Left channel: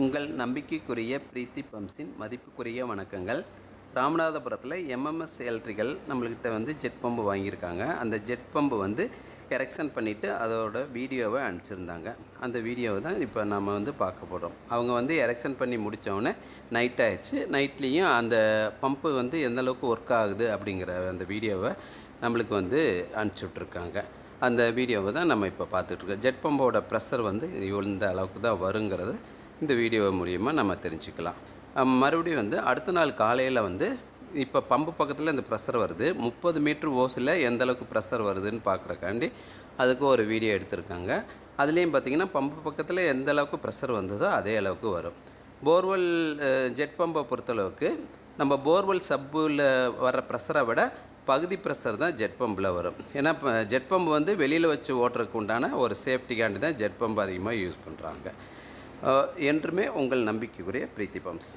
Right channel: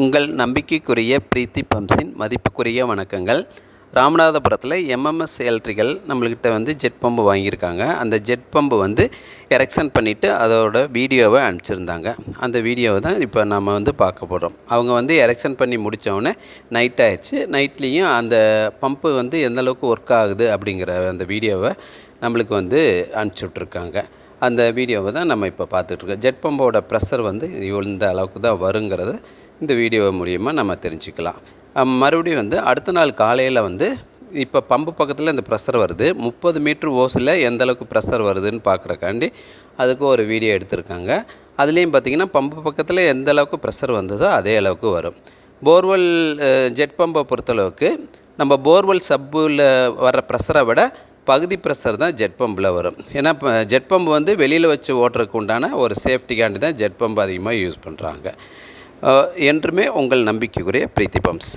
உங்கள் நம்பிக்கைக்குரிய பிரீத்தி பம்ப்ஸின் மதிப்புக்குரிய வணக்கங்கள். ராமநாதபுரத்தில் எம்எம்எஸ் எலக்ட்ரிக்கல் நம்மள்கிட்ட வந்து ஜெட் பம்பு வாங்கியிருக்காங்க. அந்த ஜெட் பம்பு வந்து எரெக்ஷன் பண்ணிவிட்டு அதோட வீடியோவை அனுப்பிச்சிருந்தாங்க. அந்த வீடியோவை தான் இப்போ நம்ம வந்து பார்க்க போகிறோம். அவங்க வந்து எரெக்ஷன் பண்ணி முடித்தோடனே நைட் ஆகிடுச்சு. நைட்லேயும் அந்த பம்பு வந்து எந்தளவுக்கு ஒர்க் ஆகுது அப்படிங்கிற அந்த வீடியோவை நம்மளுக்கு வந்து அனுப்பிச்சி விட்ருக்காங்க. அந்த வீடியோவை தான் நம்ம இப்போ பார்த்துட்ருக்கோம். ஜெட் பம்போட ப்ரெஷர் வந்து இந்த அளவுக்கு தான் வருங்கிறது இந்த வீடியோ மூலிமா நம்ம தெரிஞ்சுக்கலாம். மறுபடியும் வந்து அடுத்த நாள் காலையில் வந்து இப்போ பம்பு பக்கத்தில் இந்த ப்ரெஷர் வருது. 30 மீட்ரு ஓஸில் எந்தளவுக்கு ப்ரெஷர் வருதுன்னு பார்க்குறக்காண்டி அதுக்கு ஒரு வீடியோ எடுத்திருக்காங்க. அதுலேயும் பார்த்திங்கன்னா பம்பு பக்கத்தில் எந்த அளவுக்கு ப்ரெஷர் வந்ததோ அதே அளவுக்கு வரும். போர்வெல் ஜெட் பம்பை பொறுத்தளவுக்கு நம்ம போர்வெல் சப்பில் வர ப்ரெஷரை விட பகுதி ப்ரெஷர் தான் ஜெட் பம்பில் வரும். ஏன்னா இப்போ ஜெட் பம்பு வந்து வெளியில் வச்சு ஓட்டுறதுக்கு உண்டான ஒரு சேஃப்டிக்காண்டி தான் ஜெட் பம்பு அதிகமாக யூஸ் பண்ணுறாங்க. என்றுமே உங்கள் நம்பிக்கைக்குரிய பிரீத்தி பம்ப்ஸ்.